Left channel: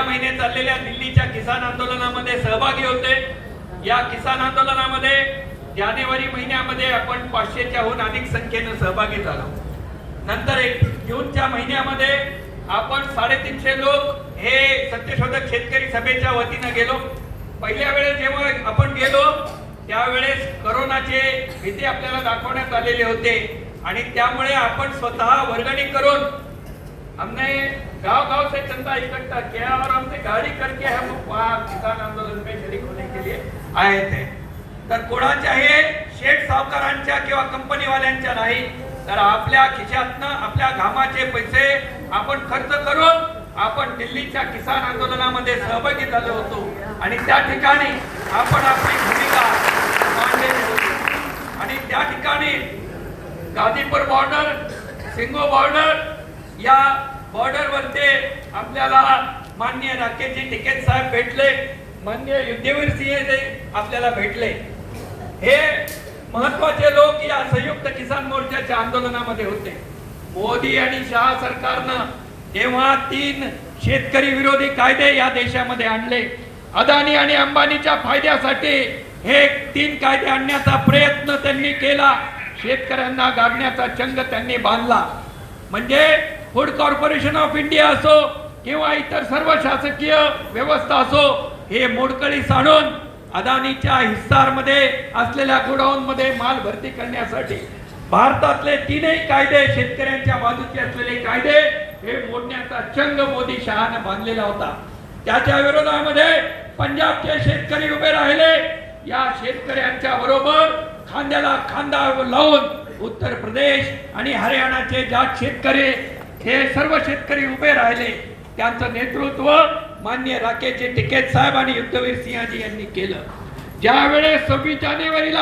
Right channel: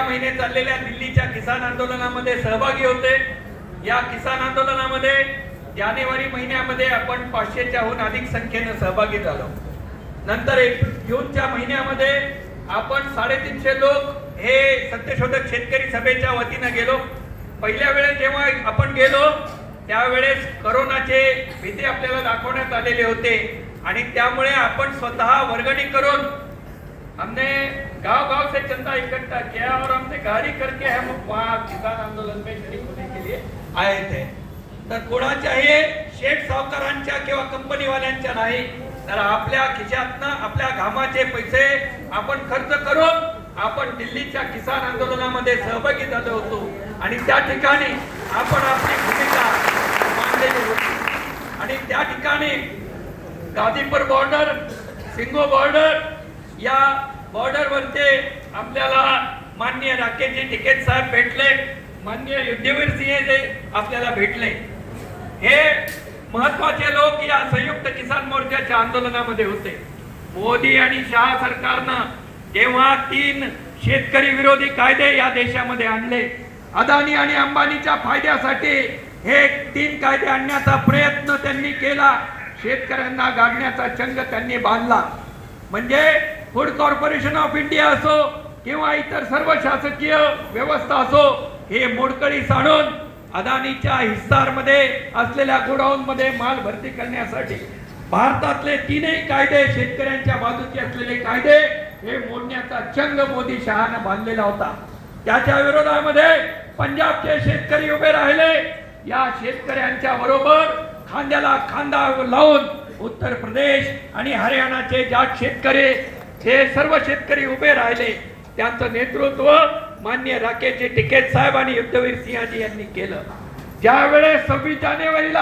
गेल्या महिन्यात चाललेल्या दिल्लीच्या किसान आंदोलनामध्ये सहभागी होते। या किसान आंदोलनामध्ये जानेवारी महिन्यामध्ये आपण 500च्याहून अधिक संख्येने सहभागी झालो। नंतर जूनच्या महिन्यामध्ये आपण 350 लोक हे सत्यशोधक शेतकरी सभेच्या वतीने गेलो। पहिल्या वेळेस जेव्हा आपण गेलो त्यावेळेस कोरोनाचे भीती आपल्याला दाखवण्यात आलेले होते आणि त्यामुळे आपण स्वतः वर्गणी करून हमने गांव-गांव से चंदा इकट्ठा किया और हमने गाड़ी करके हम वहाँ किसान आंदोलन में शरीक होने के लिए आए थे। तर कोणाच्याही शेठ सावकारांच्या किंवा कंपनीवाल्यांच्या नाही, तर आपल्या खिशातनं आपल्या घामाचे पैसे आपण खर्च करून आपण दिल्लीच्या किसान आंदोलनामध्ये सहभागी झालो होतो आणि त्या ठिकाणी आपण आपली भूमिका मांडलेली होती। आणि त्या ठिकाणी गाझीपूर बॉर्डर, सिंगो बॉर्डर या बॉर्डरवरचे आपल्याला माननीय राकेशजी टिकेत साहेब भेटले, माननीय युद्धवीर सिंह आपल्याला भेटले। हे महत्वाचे लोक या संयुक्त किसान मोर्चाच्या आंदोलनामध्ये होते। मोदी आणि शहा सरकारनं जेव्हा 3 शेतकरी विरोधी कायदे या देशामध्ये आणले, अदानी आणि अंबानीच्या फायद्यासाठी हे 3 कायदे आणण्याचा प्रयत्न त्यांनी केला। शेतकऱ्यांना गाडण्याचा चंग त्यांनी बांधला। म्हणजे फूड कॉर्पोरेशन ऑफ इंडिया असो किंवा इतर सर्व शासकीय व्यवस्था असो, हे मोडकळीस आणून अदानीच्या हिस्सारमध्ये असलेल्या गोडाऊन मध्ये माल भरती करण्यासाठी भारतातले 3ही कायदे, शेतकऱ्यांच्या बाजूचे असलेले कायदे हे मोडण्याचा चंग मोदी शहाने बांधलेला होता। त्याच्या विरोधामध्ये पंजाबचे शेतकरी उभे राहिले। या शेतकऱ्यांच्या बरोबर खांद्याला खांदा लावून उत्तर प्रदेश आणि हरियाणाचे जाट शेतकरी, हे सर्व शेतकरी उभे राहिले। त्यांचं नेतृत्व माननीय राकेशजी टिकेत साहेब आणि युद्धवीर सिंहजी यांनी केलं। ज्यावेळेस 26 जानेवारीला